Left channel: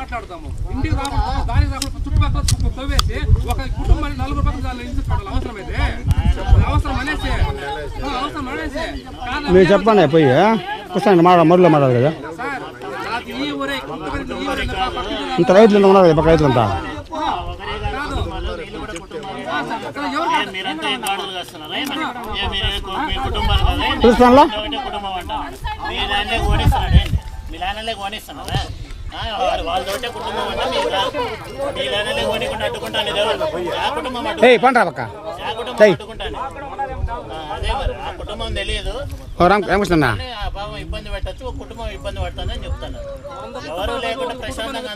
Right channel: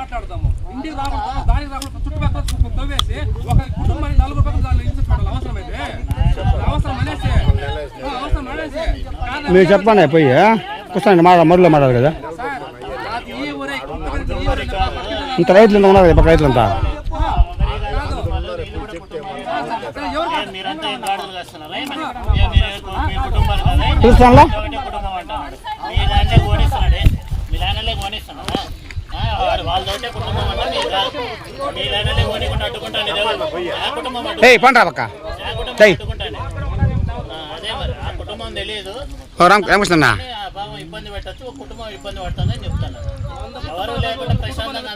మాట్లాడతాము. ఇంటికి రాకుండా దానికి రాకుండా చుట్టుపక్కల తవ్వేసి ఒక కుటుంబానికి 4 పక్కన దాన్ని ఇంటి చూడాలి. అవసరమైతే అవసరం అనేసి మీరు చెప్పండి పోయి కూర్చోండి మరులో మాట్లాడు కదా సార్. అది ఈ ఊరే ఇంత రైతులు ఉన్నారు కదా రైతులంతా చూస్తాను పండ్రా పక్క అదే మరి ఆ కుటుంబం తెలియదు. రామకృష్ణ ఇబ్బంది పెట్టచ్చు, ఒక కుటుంబం ఇబ్బంది పడుతుందని చెప్తాను. ఎవరు లేకుండా ప్రశాంతంగా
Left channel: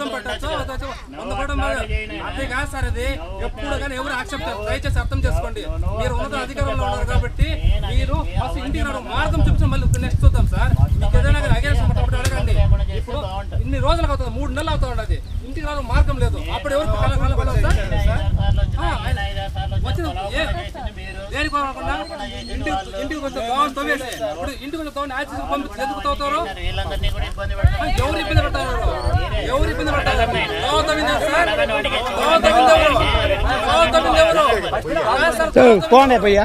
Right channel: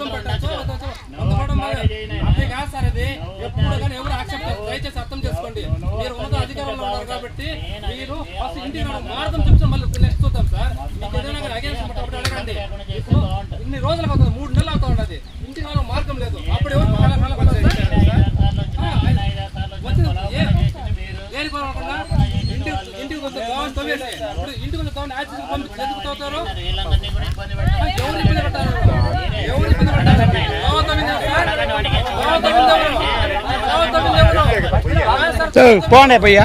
అదే కాదు సార్. అది ఎప్పుడు కానీ ఎవరు యాక్సెప్ట్ చేస్తారు. దయచేసి అర్థం చేసుకోండి. మీరు ఉన్నత అధికారంలో ఉన్నారు కాబట్టి మీరు ఫస్ట్ ఇంటికి మార్గం చూపించి మళ్ళీ నెక్స్ట్ చూద్దాం సార్. మీకు ఏదైనా కానీ అగేన్స్ట్ అడగండి. ఇన్ని రోజులకు అవుతుంది, 3 నెలలు అవుతా ఉండదు. ఇంటికి రావడం మార్గం లేదు. అప్పుడు ఎవరు దేనికోకుండా ఇంటికి కొంచెం గవర్నమెంట్ తవ్వేసి ఇప్పుడు ఇంటికి కొంచెం గవర్నమెంట్ యాక్సిస్ పంపించి ఎందుకు తవ్వుతారు? ఎవరు ఇబ్బంది పడతారు? ఎవరు ఇబ్బంది పడతారు? పోండి పోయ్యా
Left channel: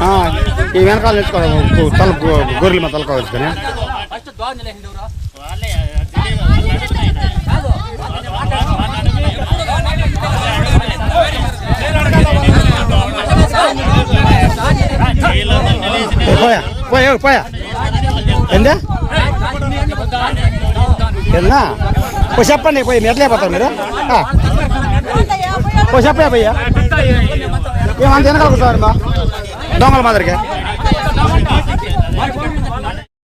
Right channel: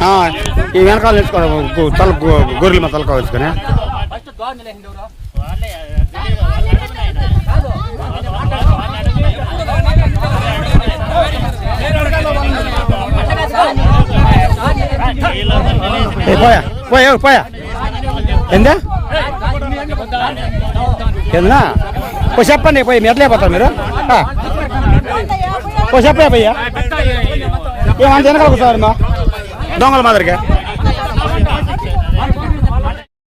ఈ వెనకాల తెచ్చుకోవాలి తల గొర్రెలు మా తలకాయ వచ్చుకొని వాళ్ళే పోయా పోయా పోయా ఎందా ఎందా చెప్పండి పోయి మీరు ఎట్లయిపోతారు మీరు చెప్పయా పోయ్యా ఏమంత వెనకాల కూర్చోవాలి మా దొంగల మాదిరిగా